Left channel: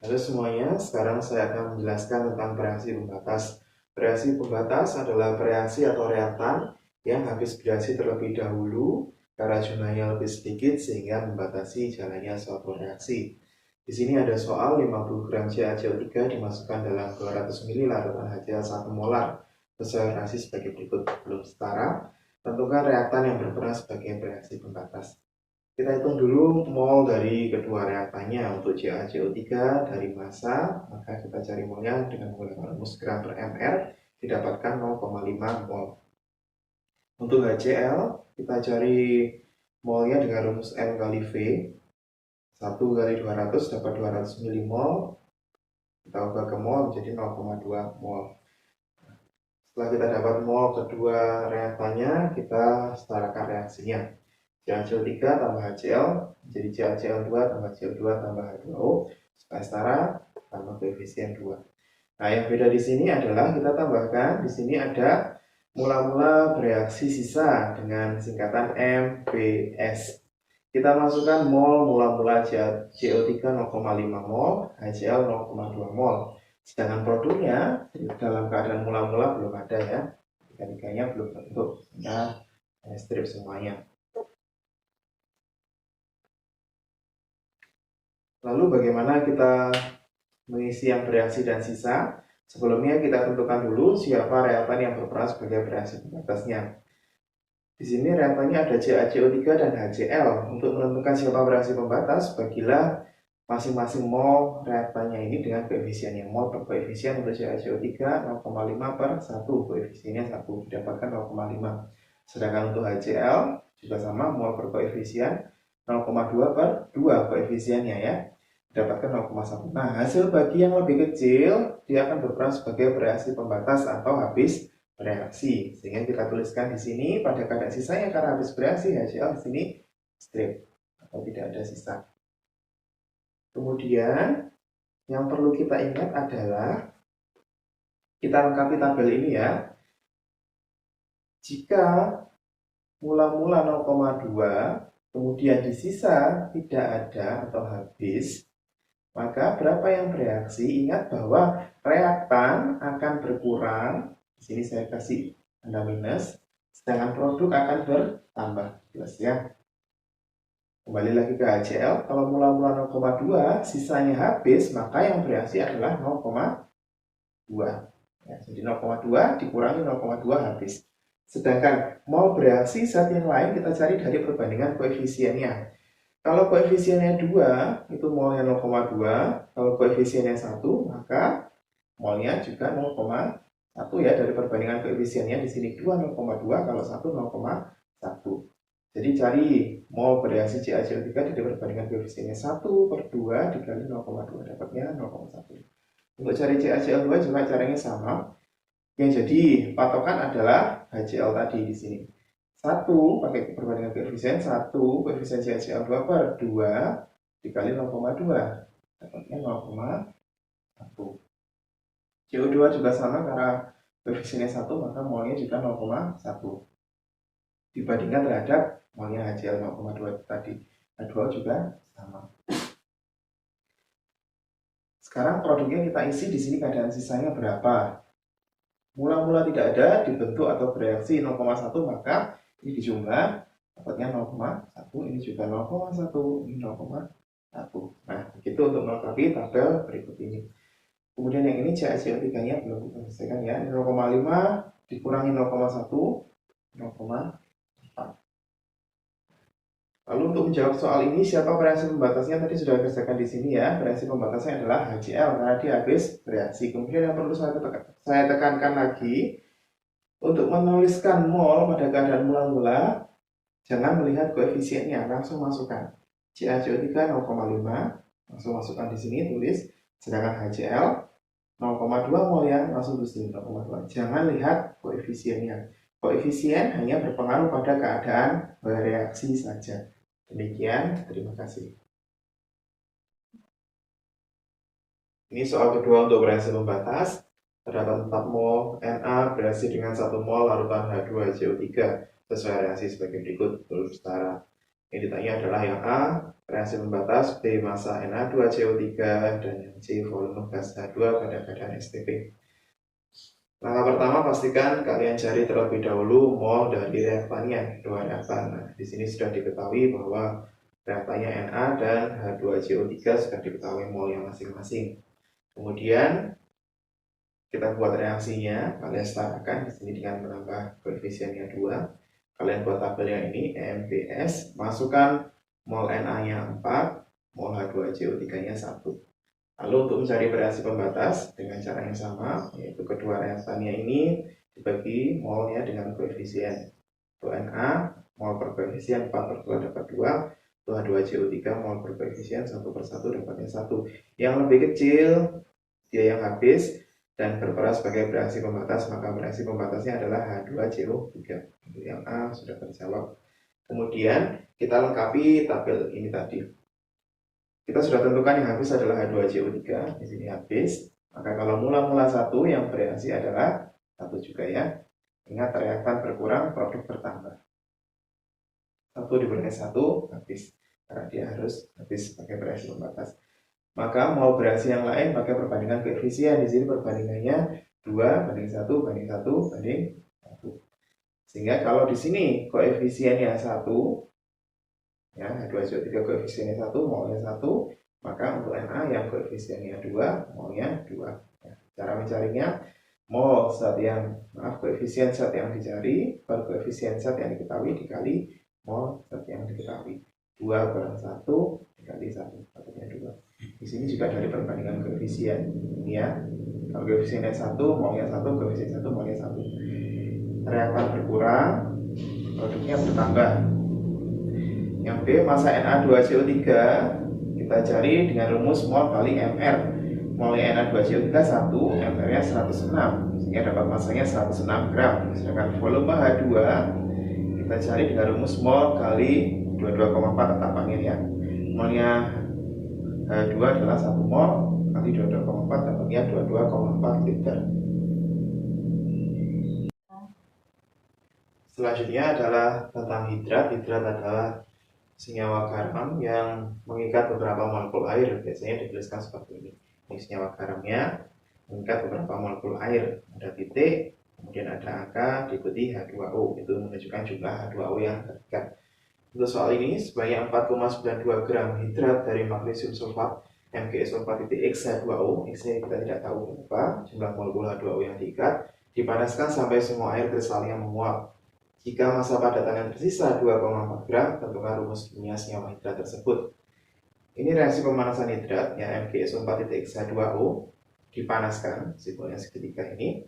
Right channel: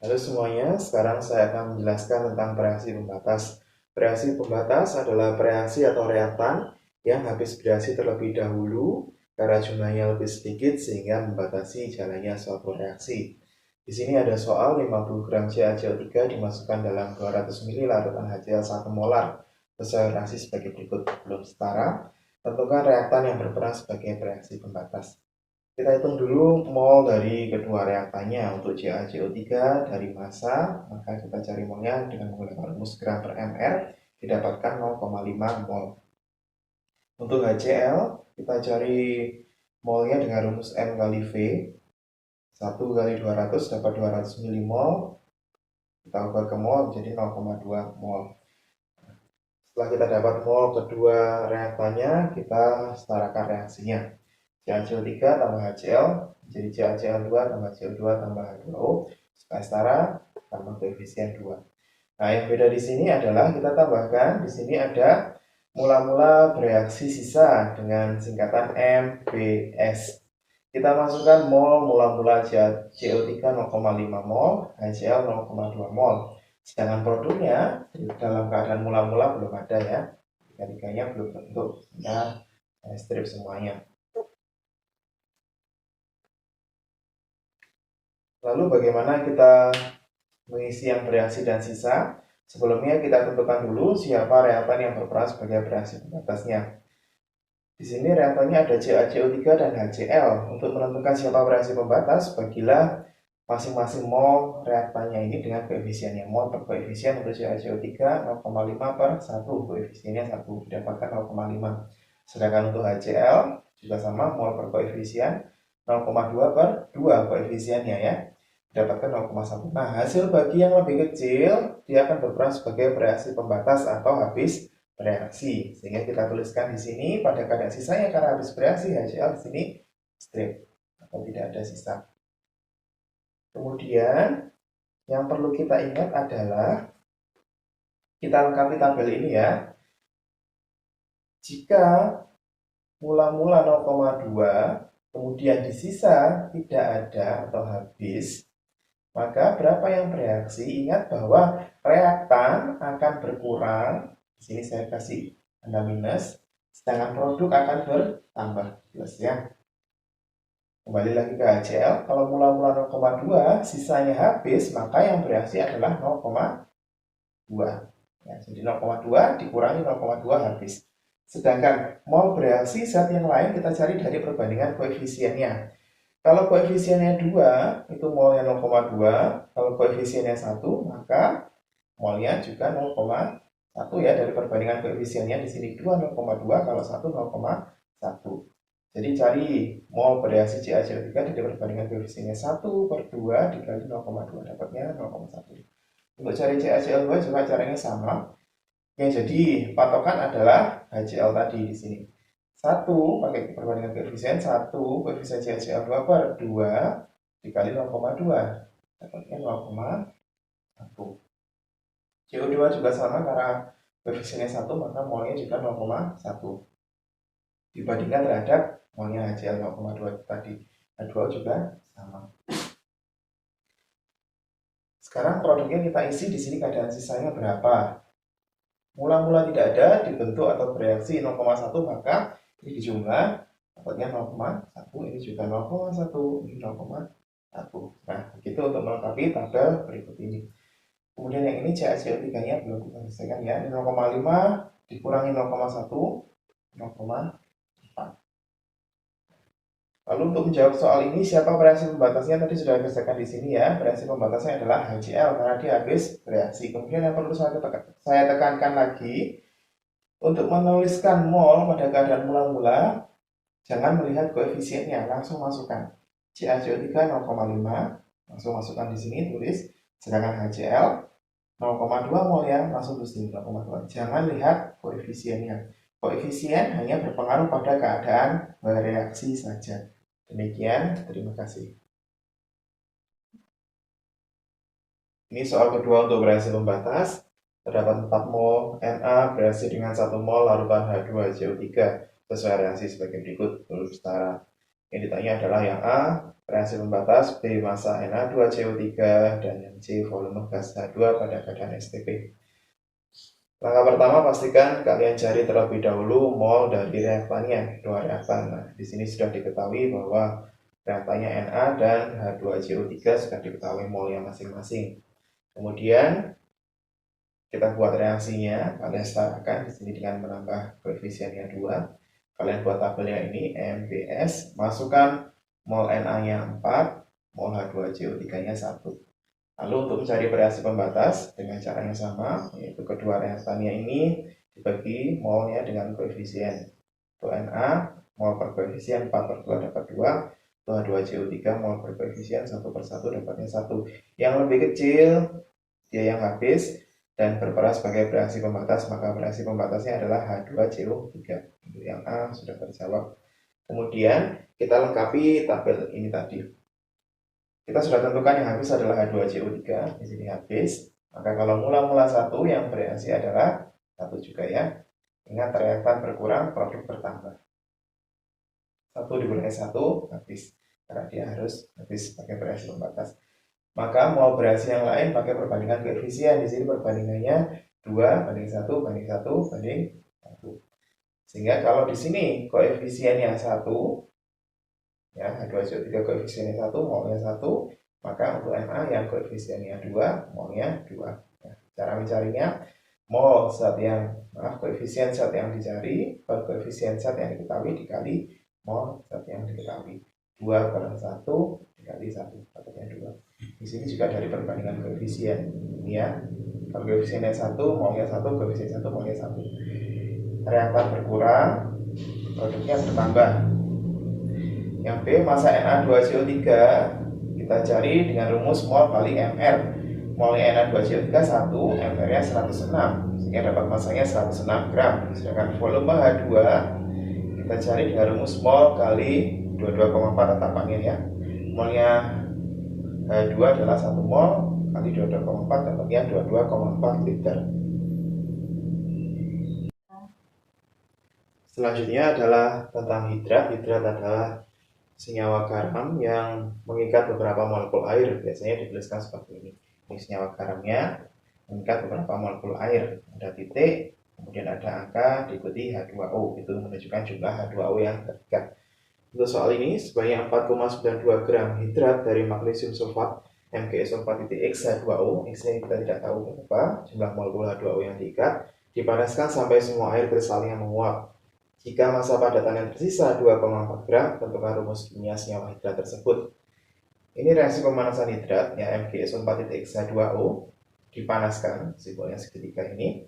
Halo semuanya, sekarang saya akan menjelaskan tentang bereaksi pembatas. Bereaksi pembatas adalah bereaksi atau reaktan yang habis bereaksi terlebih dahulu karena jumlahnya lebih sedikit sehingga membatasi jalannya suatu reaksi. Di sini ada soal 50 gram CaCO3 dimasukkan dalam 200 ml larutan HCl 1 molar sesuai reaksi sebagai berikut. Belum setara, tentukan reaktan yang berperan sebagai bereaksi pembatas. Kita hitung dulu mol dari kedua reaktannya. Untuk CaCO3 dari massa, maka kita cari molnya dengan menggunakan rumus gram per ml, didapatkan 0,5 mol. Untuk HCl, kita cari molnya dengan rumus M kali V. 1 kali 200 dapat 200 milimol. Kita ubah ke mol menjadi 0,2 mol. Setelah kita dapat mol kedua reaktannya, kita setarakan reaksinya. CaCO3 tambah HCl jadi CaCl2 tambah CO2 tambah H2O supaya setara tambah koefisien 2. Nah, yang beda di sini adalah kita tambahkan di sini ada mula-mula bereaksi sisa dengan singkatan MBS. Kita masukkan mol mula-mula CO3 0,5 mol, HCl 0,2 mol. Sedangkan produknya dalam keadaan mula-mula belum ada ya. Tiga-tiganya belum terbentuk. Nah, strip semuanya. Lalu bagaimana kita mengisi yang bereaksi dan sisa? Sebelumnya kita tentukan dulu siapa reaktan yang berperan sebagai bereaksi pembatasnya. Di sini reaktannya ada CaCO3 dan HCl. Untuk menentukan siapa bereaksi pembatas, bagilah masing-masing mol reaktannya ini dengan koefisiennya. Mol per koefisien untuk CaCO3 0,5 per 1, koefisiennya 1, didapatkan 0,5. Sedangkan untuk HCl juga sama, mol per koefisien 0,2 per 2, koefisiennya ya, didapatkan 0,1. Nah, hasil bagi yang lebih kecil, dia akan berperan sebagai bereaksi pembatas atau habis bereaksi. Sehingga kita tuliskan di sini pada keadaan sisanya karena habis bereaksi HCl di sini strip atau tidak ada sisa. Kemudian yang perlu kita ingat adalah kita lengkapi tabel ini ya. Jika mula-mula 0,2 kemudian di sisa tidak ada atau habis, maka berapa yang bereaksi? Ingat bahwa reaktan akan berkurang. Di sini saya kasih tanda minus, sedangkan produk akan bertambah. Jelas ya. Kembali lagi ke HCl, kalau mula-mula 0,2, sisanya habis, maka yang bereaksi adalah 0,2. Ya, jadi 0,2 dikurangi 0,2 habis. Sedangkan mau bereaksi zat yang lain kita cari dari perbandingan koefisiennya. Kalau koefisiennya 2, itu molnya 0,2. Kalau koefisiennya 1, maka molnya juga 0,1 ya, dari perbandingan koefisiennya. Di sini 2 0,2, kalau 1 0,1. Jadi cari mol bereaksi CaCO3 dari perbandingan koefisiennya 1 per 2 dikali 0,2, dapatnya 0,1. Untuk cari CaCl2 juga caranya sama. Yang jadi patokan adalah HCl tadi di sini. 1 pakai perbandingan koefisien 1, koefisien CaCl2 per 2 dikali 0,2, dapatnya 0,1. CO2 juga sama karena koefisiennya 1, maka molnya juga 0,1 dibandingkan terhadap molnya HCl 0,2 tadi. H2O juga sama. Sekarang produknya kita isi di sini, keadaan sisanya berapa? Mula-mula tidak ada, dibentuk atau bereaksi 0,1, maka ini dijumlah, dapatnya 0,1, ini juga 0,1, ini 0,1. Nah, begitu untuk melengkapi tabel berikut ini. Kemudian yang ini CaCO3-nya belum kita selesaikan ya. Ini 0,5 dikurangi 0,1, 0,4. Lalu untuk menjawab soal ini, siapa bereaksi pembatasnya? Tadi sudah dikerjakan di sini ya. Bereaksi pembatasnya adalah HCl karena dia habis bereaksi. Kemudian yang perlu saya tekankan lagi, untuk menuliskan mol pada keadaan mula-mula, jangan melihat koefisiennya, langsung masukkan. CaCO3 0,5, langsung masukkan di sini, tulis. Sedangkan HCl 0,2 mol ya, langsung tulis 0,2. Jangan lihat koefisiennya. Koefisien hanya berpengaruh pada keadaan bereaksi saja. Demikian, terima kasih. Ini soal kedua untuk bereaksi pembatas. Terdapat 4 mol Na bereaksi dengan 1 mol larutan H2CO3 sesuai reaksi sebagai berikut, belum setara. Yang ditanya adalah yang A, reaksi pembatas, B, massa Na2CO3, dan yang C, volume gas H2 pada keadaan STP. Langkah pertama, pastikan kalian cari terlebih dahulu mol dari reaktannya, kedua reaktan. Nah, di sini sudah diketahui bahwa reaktannya Na dan H2CO3 sudah diketahui molnya masing-masing. Kemudian kita buat reaksinya, kalian setarakan di sini dengan menambah koefisiennya 2. Kalian buat tabelnya ini, NBS, masukkan mol Na-nya 4, mol H2CO3-nya 1. Lalu untuk mencari reaksi pembatas dengan cara yang sama, yaitu kedua reaktannya ini dibagi molnya dengan koefisien. Untuk Na, mol per koefisien 4 per 2 dapat 2, untuk H2CO3 mol per koefisien 1 per 1 dapatnya 1. Yang lebih kecil, dia yang habis, dan berperan sebagai reaksi pembatas, maka reaksi pembatasnya adalah H2CO3. Untuk yang A sudah terjawab. Kemudian kita lengkapi tabel ini tadi. Kita sudah tentukan yang habis adalah H2CO3, di sini habis. Maka kalau mula-mula 1 yang bereaksi adalah 1 juga ya. Ingat reaktan berkurang, produk bertambah. 1 dikurangi 1 habis. Karena dia harus habis pakai reaksi pembatas. Maka mau bereaksi yang lain pakai perbandingan koefisien. Di sini perbandingannya 2 banding 1 banding 1 banding 1. Sehingga kalau di sini koefisiennya 1, ya, H2CO3 koefisiennya 1, molnya 1, maka untuk Na yang koefisiennya 2, molnya 2. Ya, cara mencarinya, koefisien zat yang dicari per koefisien zat yang diketahui dikali mol zat yang diketahui. 2 per 1 dikali 1, dapatnya 2. Di sini juga dari perbandingan koefisien, ya. Kalau koefisiennya 1, molnya 1, koefisien 1, molnya 1. Reaktan berkurang, produknya bertambah. Yang B, massa Na2CO3 kita cari dengan rumus mol kali Mr. Molnya Na2CO3 1, Mr-nya 106, sehingga dapat massanya 106 gram. Sedangkan volume H2 kita cari dengan rumus mol kali 22,4 tetapannya ya. Molnya H2 adalah 1 mol kali 22,4 dapatnya 22,4 liter. Selanjutnya adalah tentang hidrat. Hidrat adalah senyawa garam yang mengikat beberapa molekul air. Biasanya dituliskan seperti ini. Ini senyawa garamnya mengikat beberapa molekul air. Ada titik, kemudian ada angka, diikuti H2O. Itu menunjukkan jumlah H2O yang terikat. Untuk soal ini, sebanyak 4,92 gram hidrat dari magnesium sulfat MgSO4.X H2O, X-nya kita tidak tahu berapa, jumlah molekul H2O yang diikat, dipanaskan sampai semua air kristalnya menguap. Jika massa padatan yang tersisa 2,4 gram, tentukan rumus kimia senyawa hidrat tersebut. Ini reaksi pemanasan hidrat, ya, MgSO4.X H2O, dipanaskan, simbolnya segitiga ini,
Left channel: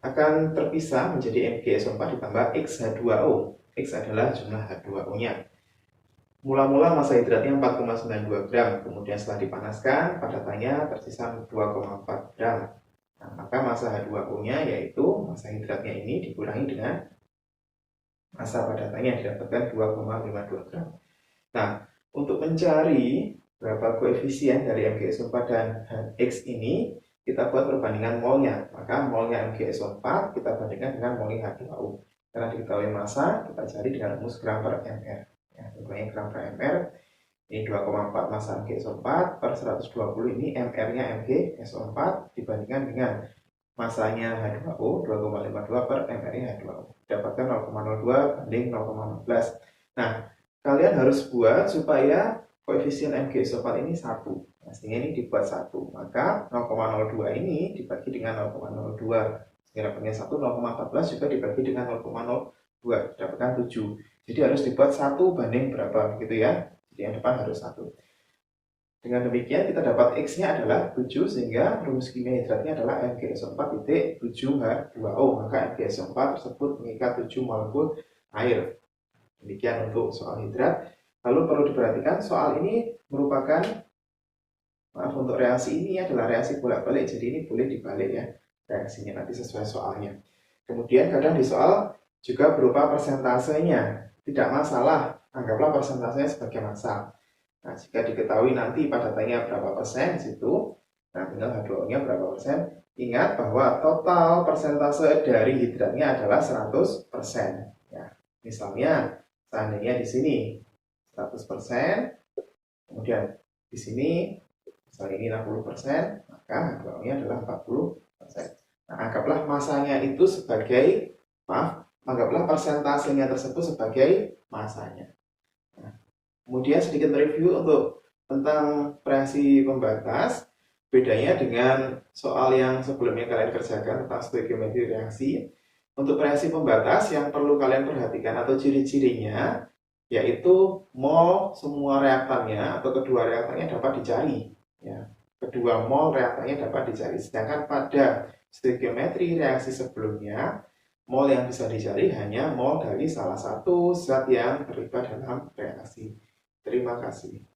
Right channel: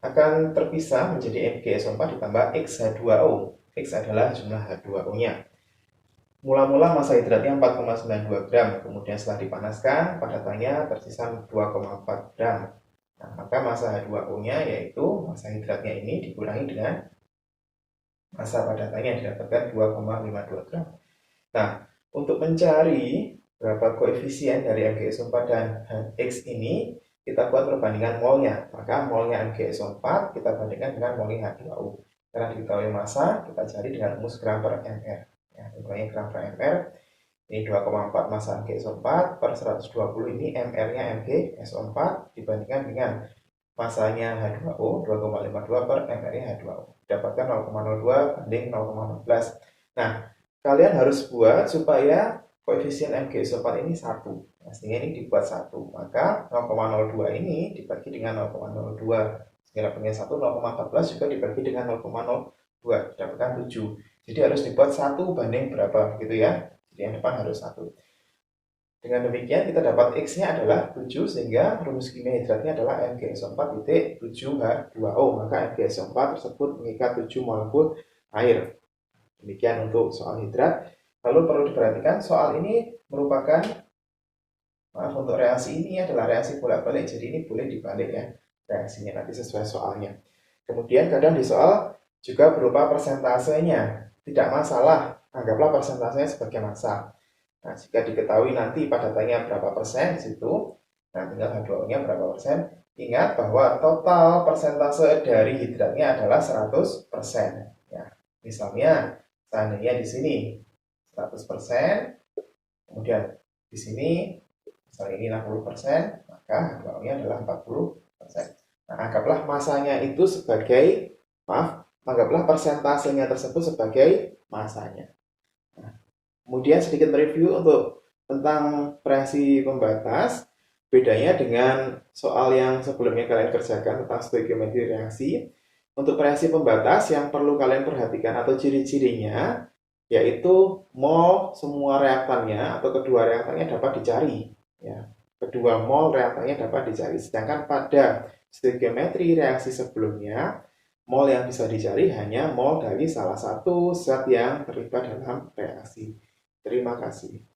akan terpisah menjadi MgSO4 ditambah X-H2O. X adalah jumlah H2O-nya. Mula-mula massa hidratnya 4,92 gram, kemudian setelah dipanaskan, padatannya tersisa 2,4 gram. Nah, maka massa H2O-nya yaitu massa hidratnya ini dikurangi dengan massa padatannya didapatkan 2,52 gram. Nah, untuk mencari berapa koefisien dari MgSO4 dan X ini, kita buat perbandingan molnya. Maka molnya MgSO4 kita bandingkan dengan molnya H2O. Karena diketahui massa, kita cari dengan rumus gram per mr. Ya, nilainya gram per mr. Ini 2,4 massa MgSO4 per 120 ini mr-nya MgSO4 dibandingkan dengan massanya H2O 2,52 per mr-nya H2O. Dapatkan 0,02 banding 0,14. Nah, kalian harus buat supaya koefisien MgSO4 ini 1. Nah, sehingga ini dibuat 1. Maka 0,02 ini dibagi dengan 0,02. Dapatnya 1, 0,14 juga dibagi dengan 0,02, dapatkan 7. Jadi harus dibuat 1 banding berapa gitu ya. Jadi yang depan harus 1. Dengan demikian kita dapat X-nya adalah 7, sehingga rumus kimia hidratnya adalah MgSO4.7H2O. Maka MgSO4 tersebut mengikat 7 molekul air. Demikian untuk soal hidrat. Lalu perlu diperhatikan soal ini merupakan, untuk reaksi ini adalah reaksi bolak-balik, jadi ini boleh dibalik ya reaksinya nanti sesuai soalnya. Kemudian kadang di soal juga berupa persentasenya, tidak masalah, anggaplah persentasenya sebagai massa. Nah, jika diketahui nanti padatannya berapa persen di situ, nah tinggal H2O-nya berapa persen. Ingat bahwa total persentase dari hidratnya adalah 100%. Ya, misalnya seandainya di sini 100%. Kemudian di sini misalnya ini 60%, maka H2O-nya adalah 40%. Nah, anggaplah masanya itu sebagai, anggaplah persentasenya tersebut sebagai masanya. Nah, kemudian sedikit review untuk tentang reaksi pembatas. Bedanya dengan soal yang sebelumnya kalian kerjakan tentang stoikiometri reaksi. Untuk reaksi pembatas yang perlu kalian perhatikan atau ciri-cirinya, yaitu mol semua reaktannya atau kedua reaktannya dapat dicari. Ya, kedua mol reaktannya dapat dicari. Sedangkan pada stoikiometri reaksi sebelumnya, mol yang bisa dicari hanya mol dari salah satu zat yang terlibat dalam reaksi. Terima kasih.